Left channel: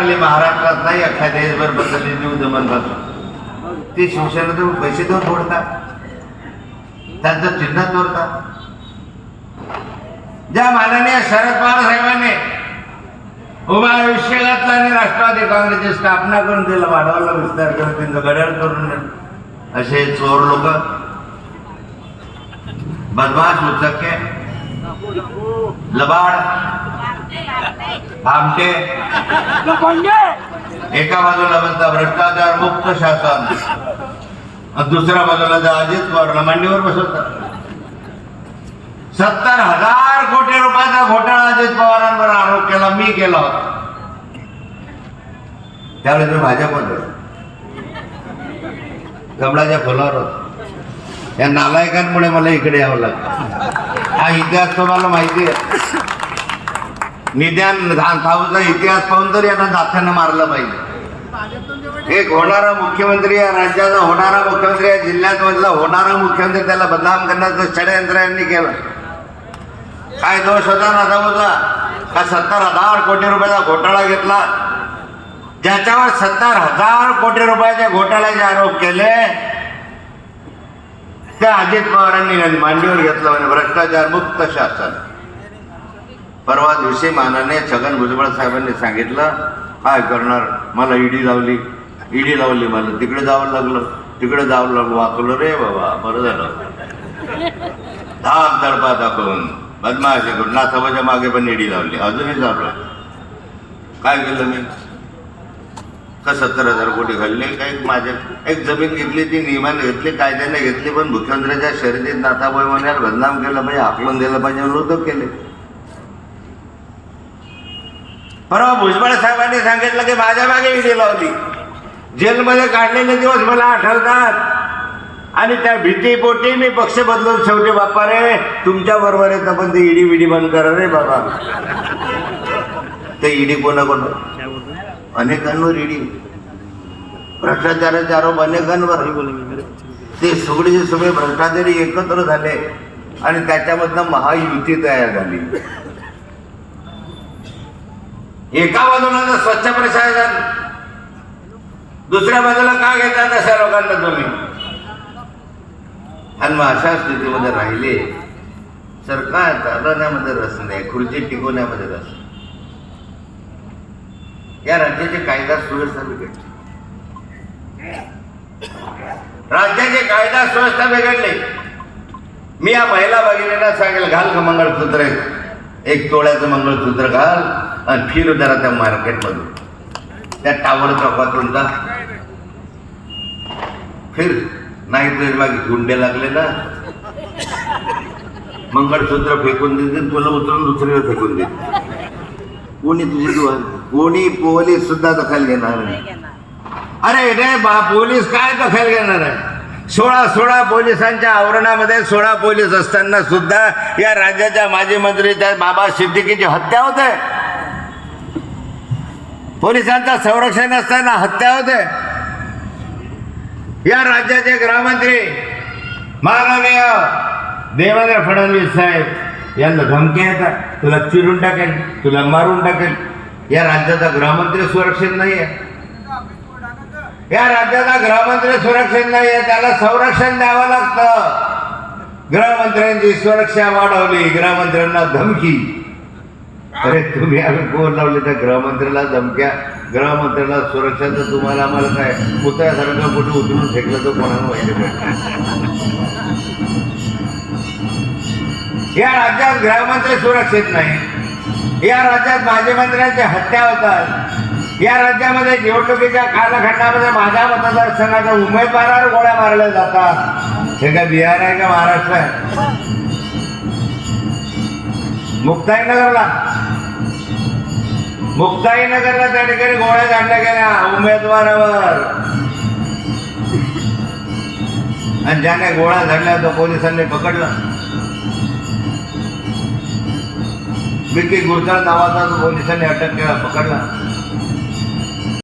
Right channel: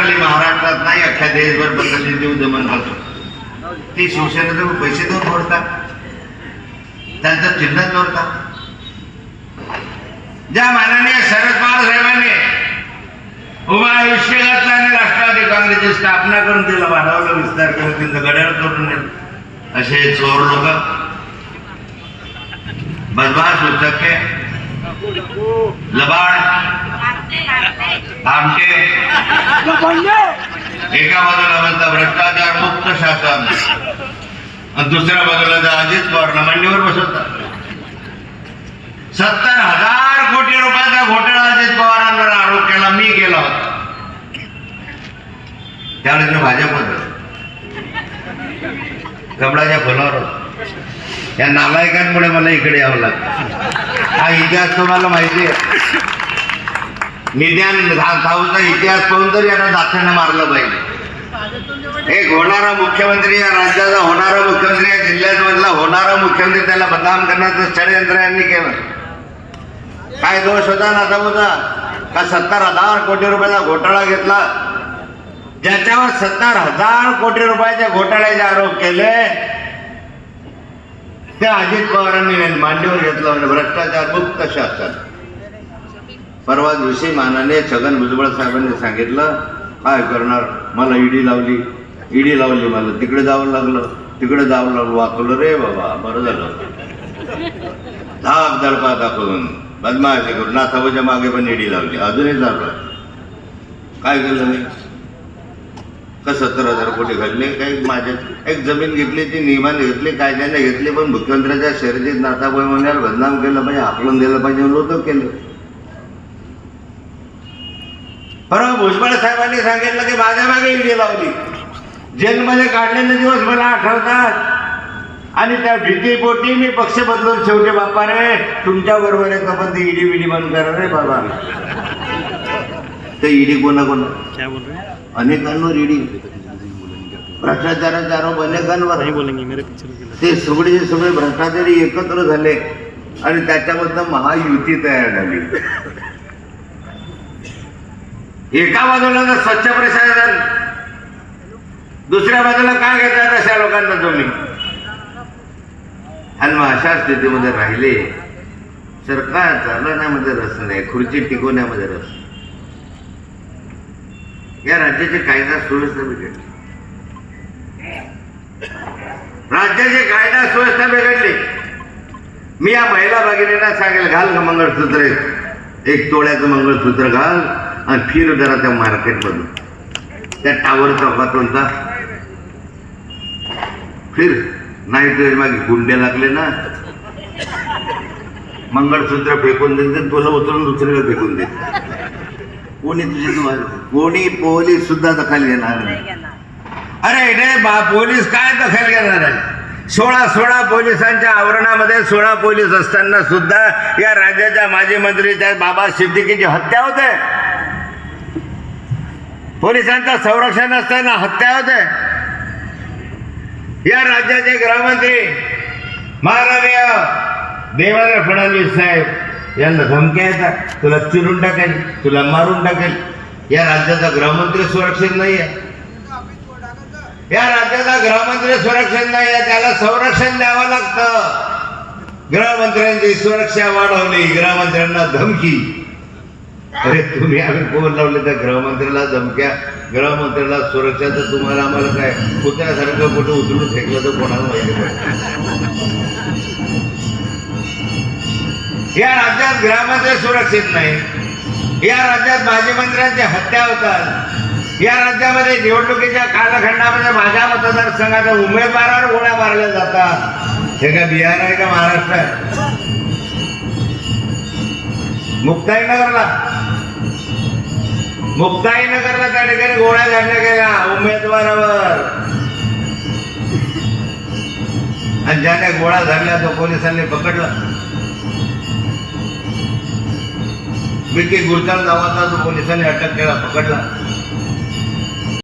स्वीकारली महाराष्ट्रात नाही अख्ख्या देशभर बदलली देऊ दमनपासून ती शिवसेना तुम्ही पैसे देऊन फोडतात त्यांचं चिन्ह तोडतात ज्या माननीय शरद पवार साहेबांनी उभा आयुष्य घातलं आणि राष्ट्रवादी काँग्रेसची स्थापना करून तिला वाढवलं विस्तार करून त्यांचं गड्याळ तोडून नेलं. असे चोर लोक. बदमाश उचके लबाड. आमटे एका बाजूला म्हणता भ्रष्टाचार मुक्त शासन. आणि दुसऱ्या बाजूला अजित पवारला मांडीवर बसवतात. सत्तर हजार कोटी रुपयाचा घोटाळा अजित पवारांवर आरोप केला मी केला होता. त्यावेळेस मी भाजप होतो. कमळाच्या फुलावर होतो. या नालायकांमुळे मला इकडे यावं लागतं. हा इतिहास तुम्हाला माहिती आहे. निध्यान धावचा इतिहास पाहून तरी यांना दात्याने मारलं पाहिजे. एक होणारा मुख्यमंत्री या राज्याचा होणारा मुख्यमंत्री या जिल्ह्यामधला होणारा मुख्यमंत्री त्याला बदनाम करण्याचं षडयंत्र यांनी केलं. काय दोष होता ना होता? का सत्तर हजार कोटी रुपयाचा घोटाळा घेतला? ज्याच्यावर सत्तर हजार कोटी रुपयाचे घोटाळ्याचे आरोप केले त्या अजित पवारांनी मांडीवर घेतलं म्हणजे भ्रष्टाचार मुक्त शासन. परवा दिवशी मानाने छगन भुजबळ साहेबांनी सांगितलं काय करणार? मला ईडी लावली. ईडी लावली मला तिकडे जावं लागलं. तिकडे जावं लागलं. वाचलं रे बाबा बरं झालं. धाक दडपा दाखवून बदमाशी करून नाथाबाच्या मागे पण ईडी लावली. अजूनही चालला काय केलं मी? का सत्तर हजार कोटी घालले? काही माझ्या एक जमीन घेतली ती नियमाने घेतली कायद्याने घेतली पण मुख्यमंत्र्याच्या शर्यतीत नाथाबाई म्हणाल बदनाम केलं पाहिजे आकलन दिलं पाहिजे म्हणून तो केले. परवा भुजबळ साहेबांनी सांगितलं की माझ्या मागे ईडी लावली जेलमध्ये काढलेले दिवस मला आठवतात. आणि त्या भीतीपोटी मी पक्ष बदलून शेवटी बाप्पा रे तुमच्या बरोबर आहे पण ते ईडी बिडी बंद करा रे बाबा. ते ईडी कोणा कोण? अनेकांवर ईडी भ्रष्टाचाराचे आरोप अनेकांवर. ते सगळे सगळे भ्रष्टाचारी एकत्र झाले आणि त्याच्यामधनं महायुती तयार झाली. एका बाजूला तर स्वच्छ प्रशासन दुसऱ्या बाजूला काय घेतात अशा लोकांना तुम्ही? आणि मग अशा स्थितीमध्ये राहिले सरकार चालवण्यामध्ये रस नाही खुर्ची टिकवण्यामध्ये रस या राज्याची कायदा सुव्यवस्था बिघडली. राज्याचे कायदा सुव्यवस्था बिघडली. मी या महिला भगिनीला सांगेल घाल का मंगळसूत्र एक तोळ्याचं मंगळसूत्र घाल. आणि फिर जरा त्या मार्केटमध्ये. त्या टावर चौकातून जा फिर नाही तुझे मागे गुंडे लागले ना मंगळसूत्र फेकून देते तुला उचलून दुसरीकडे फेकून देते. कोणी तुझी कोणी पोलीस सुद्धा दखल घेणार नाही. अरे रे बा पोलीस काय दखल घेणार आहे? सोळा सोळा पोलिसांच्या आवरणामध्ये सोळा पोलीस असताना सुद्धा या राज्याच्या माजी मंत्री त्या बाबा सिद्दीकीची हत्या होते. पोलिसांचं संरक्षण असताना हत्या होते या राज्याचे गृहमंत्री माननीय देवेंद्र फडणवीस साहेब यांना धमकी येतात तुला चिरून टाकेल तुला मारून टाकेल. या राज्याचा गृहमंत्री सुरक्षित नाही आहे. या राज्याचा गृहमंत्री सुरक्षित नाही आहे. त्याला संरक्षण द्यावं लागतं. गृहमंत्र्यांची सुरक्षा वाढवली गृहमंत्र्यांना धमकी. अरे तुम्ही आम्ही फोन लावले त्या गृहमंत्र्याला धमक्या. गृहमंत्र्याला सुरक्षा तर तुम्हाला आम्हाला काय पुतळ्यासारखं कुठे उचलून फेकलं तर कोणाला माहिती या राज्यात गृहमंत्री सुरक्षित नाही. या राज्यात माजी मंत्र्यांची हत्या होतात. या राज्यामध्ये निवडणुकीच्या कालखंडामध्ये माझ्या मतदारसंघाच्या उमेदवारावर गोळ्या मारल्या जातात. हे काय बिहार आहे का महाराष्ट्र आहे? मुक्ताईनगरला मुक्ताईनगरला त्या ठिकाणी गोळ्या झाडल्या गेल्या उमेदवारावर. आणि ज्याने गोळा झाडल्या तो पोलिसांनी पकडला. विकी गुरतर नावाचा पोलिसांनी अटक केला पकडला.